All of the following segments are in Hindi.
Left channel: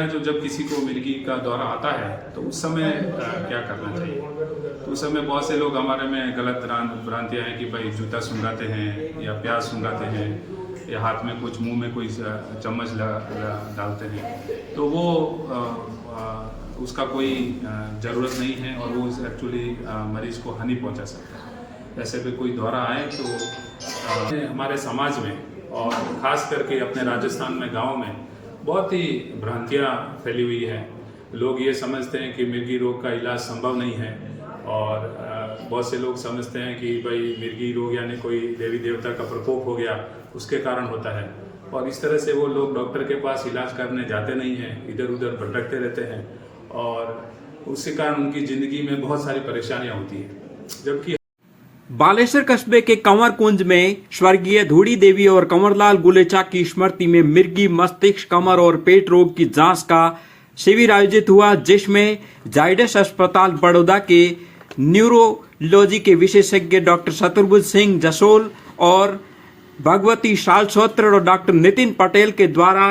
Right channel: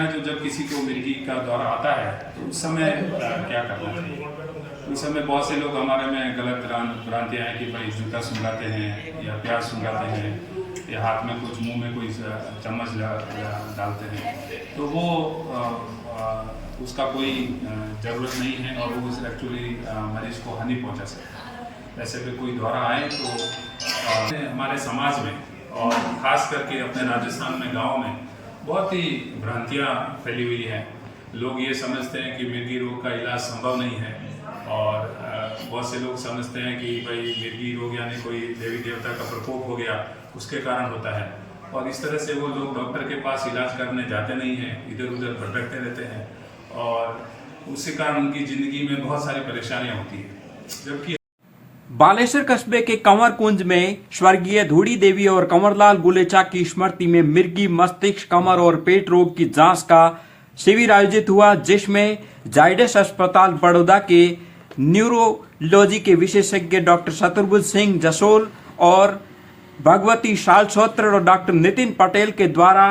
ना, जो जब किसी को मिर्गी का दौरा आता है तो उस समय क्या करना चाहिए। तो उस समय बहुत से लोग हमारे में गलत भ्रांतियाँ हैं कि भाई जूता सूंघाते हैं या प्याज सूंघाते हैं या हाथ में कुछ मुंह में कोई चम्मच डालते हैं, तो वो उसका कोई ज़रूरत नहीं है और वो एक्चुअली मरीज को हानि पहुंचा सकता है। वैसे भी कोई दौरा आए तो हमारे समाज में और ख़ास करके अपने राजस्थान में गाँव में बहुत ही भ्रांतियाँ फैली हुई हैं। लोग ये समझते हैं कि मिर्गी रोग का इलाज संभव नहीं है और बहुत से लोग समझते हैं कि भाई मिर्गी रोग यानी कोई देवी देवता का प्रकोप हो गया, उसके कारण होता है, और इस तरह से वो लोग डॉक्टर के पास इलाज करने जाते नहीं हैं, इधर उधर भटकते रहते हैं और उसके कारण उनकी ज़िंदगी में बहुत सारी परेशानियाँ होती हैं। जबकि बालेश्वर कस्बे के कंवर कुंज में स्वर्गीय धूड़ी देवी और कंवरलाल गुलेचा की स्मृति में मिर्गी, मस्तिष्क, कमर और पेट रोग की जांच का शिविर आयोजित हुआ, जिसमें जायडस अस्पताल बड़ौदा के न्यूरोलॉजी के विशेषज्ञ डॉक्टर चतुर्भुज सिंह जसोल और भगवती शालसोत्र और डॉक्टर नितिन पटेल के द्वारा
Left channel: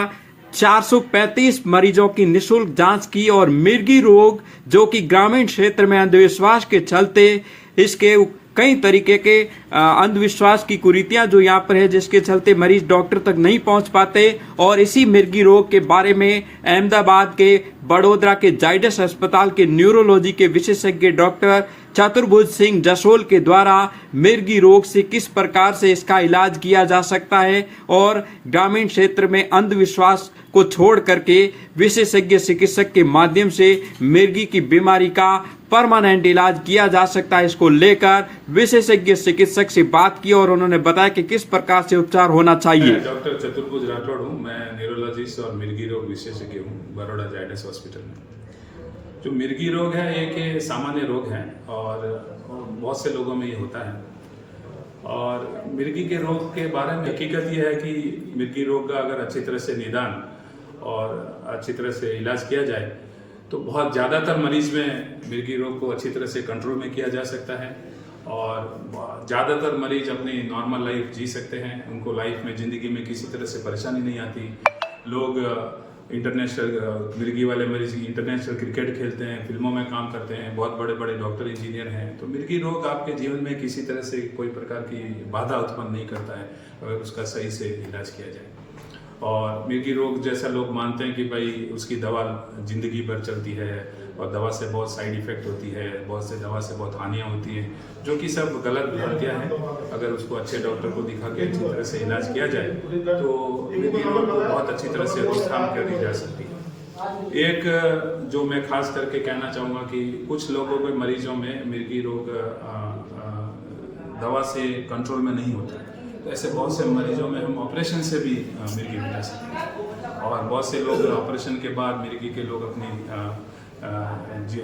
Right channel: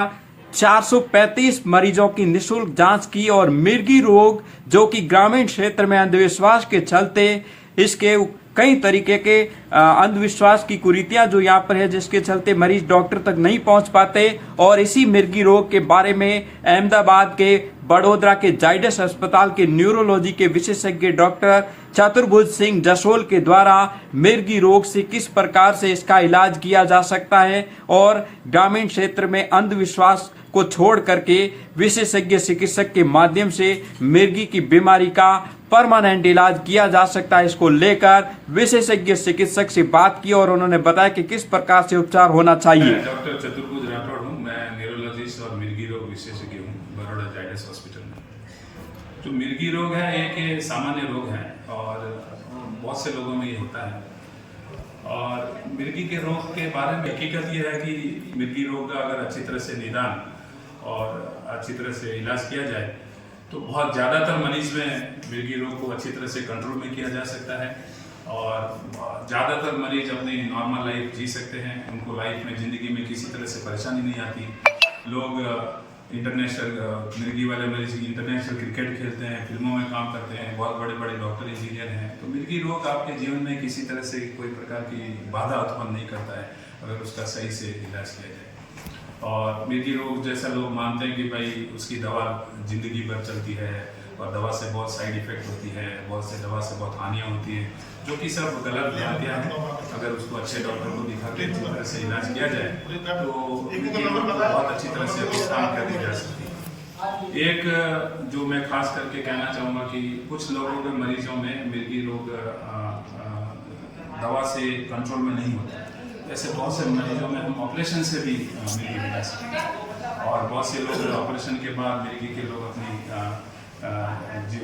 435 मरीजों की निःशुल्क जांच की और मिर्गी रोग, जो कि ग्रामीण क्षेत्र में अंधविश्वास के चलते इसके कई तरीके के अंधविश्वास की कुरीतियां जो यहाँ पर है, जिसके चलते मरीज डॉक्टर तक नहीं पहुंच पाते, और इसी मिर्गी रोग के बारे में अहमदाबाद के बड़ोदरा के जायडस अस्पताल के न्यूरोलॉजी के विशेषज्ञ डॉक्टर चतुर्भुज सिंह जसोल के द्वारा मिर्गी रोग से किस प्रकार से इसका इलाज किया जा सकता है और ग्रामीण क्षेत्र में अंधविश्वास को छोड़ करके विशेषज्ञ चिकित्सक के माध्यम से मिर्गी की बीमारी का परमानेंट इलाज किया जा सकता है, इसको लेकर विशेषज्ञ चिकित्सक से बात की और उन्होंने बताया कि किस प्रकार से उपचार होना चाहिए। डॉक्टर चतुर्भुज राठौड़ हूँ, मैं न्यूरोलॉजिस्ट और मिर्गी रोग विशेषज्ञ हूँ बड़ौदा जायडस हॉस्पिटल में। जो मिर्गी रोग है एक सामान्य रोग है और बहुत से लोगों में ये होता है, और मिर्गी के रोग के बारे में हकीकत ये है कि मिर्गी रोग का अगर अच्छी तरह से निदान और अच्छी तरह से इलाज किया जाए तो बहुत ज़्यादातर मरीज में मिर्गी रोग को अच्छी तरह से कंट्रोल में किया जा सकता है और ज़्यादातर मरीज अपनी नॉर्मल लाइफ जी सकते हैं। उनको लाइफ में ज़िंदगी में किसी तरह से परेशानी नहीं आती। लोग इंटरनेशनल मिर्गी वाले मरीज इंटरनेशनल क्रिकेट खेलते हैं, फिल्मों में काम करते हैं, बहुत बड़े बड़े डॉक्टर इंजीनियर हैं। तो मिर्गी रोग आपके जीवन में किसी तरह से कोई प्रकार की बाधा उत्पन्न नहीं करता है अगर उसका सही से इलाज किया जाए। और मिर्गी रोग जैसा लोग मानते हैं कि भाई उसकी दवा जिंदगी भर चलती है और दवा से बहुत साइड इफेक्ट होती है, बहुत से दवा से बहुत हानियाँ होती हैं, जो कि सब गलत भ्रांतियाँ हैं। अगर उसको अच्छे डॉक्टर को दिखा के अच्छी तरह से इलाज किया जाए तो मिर्गी रोग को बहुत अच्छी तरह से रोकथाम कर दी जा सकती है। एक जो मैं खास करके कहना चाहूँगा कि कुछ लोगों के मरीजों में मिर्गी रोग दवा से कंट्रोल में नहीं होता, ऐसे बहुत से मरीजों में हम ऑपरेशन से भी मिर्गी मिला सकते हैं और बहुत से लोग ऑपरेशन के बाद मिर्गी के लोग अपनी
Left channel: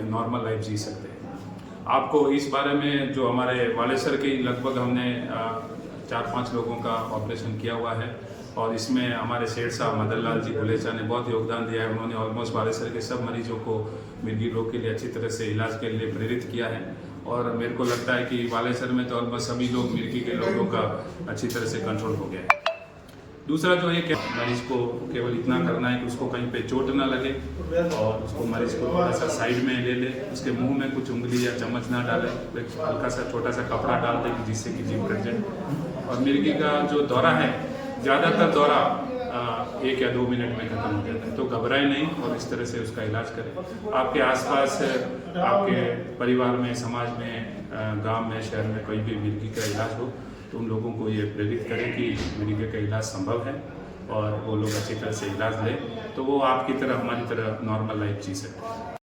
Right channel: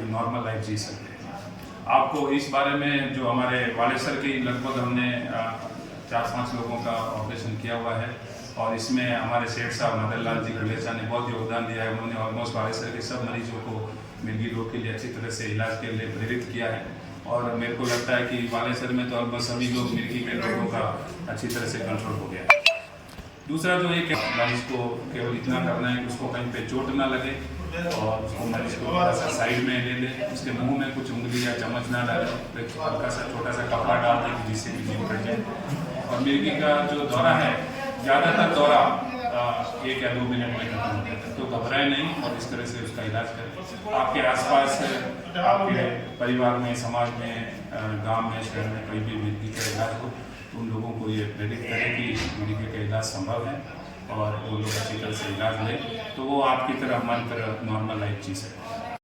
नॉर्मल लाइफ जी सकते हैं। आपको इस बारे में जो हमारे बालेश्वर की लगभग हमने 4-5 लोगों का ऑपरेशन किया हुआ है और इसमें हमारे सेठ साहब मदन लाल जी गुलेचा ने बहुत योगदान दिया है। उन्होंने ऑलमोस्ट बालेश्वर के सब मरीजों को मिर्गी रोग के लिए अच्छी तरह से इलाज के लिए प्रेरित किया है और मेरे को लगता है कि बालेश्वर में तो ऑलमोस्ट सभी लोग मिर्गी के लोगों का अच्छी तरह से कंट्रोल हो गया है। दूसरा जो एक मरीज को केवल इतना करना है कि उसको कहीं पे चोट ना लगे और उसको मरीज को थोड़ा सा साइड में ले ले, उसके मुंह में कुछ उंगली या चम्मच ना डाले, हल्का सा छोटा सा कपड़ा डाल दे जिससे कि जीभ कट जाए। और मिर्गी का जो दौरा है, ज़्यादातर दौरा 1 या 2 मिनट में खत्म हो जाता है, तो घबराए नहीं और इस तरह से उसका इलाज करें। आपके आसपास आपके परिवार में, समाज में, गांव में, शहर में कोई भी मिर्गी का इलाज हो तो उन लोगों को ये प्रेरित करें कि मिर्गी का इलाज संभव है और वो लोग अच्छी तरह से इलाज लें तो वो आपकी तरह हमारी तरह नॉर्मल लाइफ जी सकते हैं।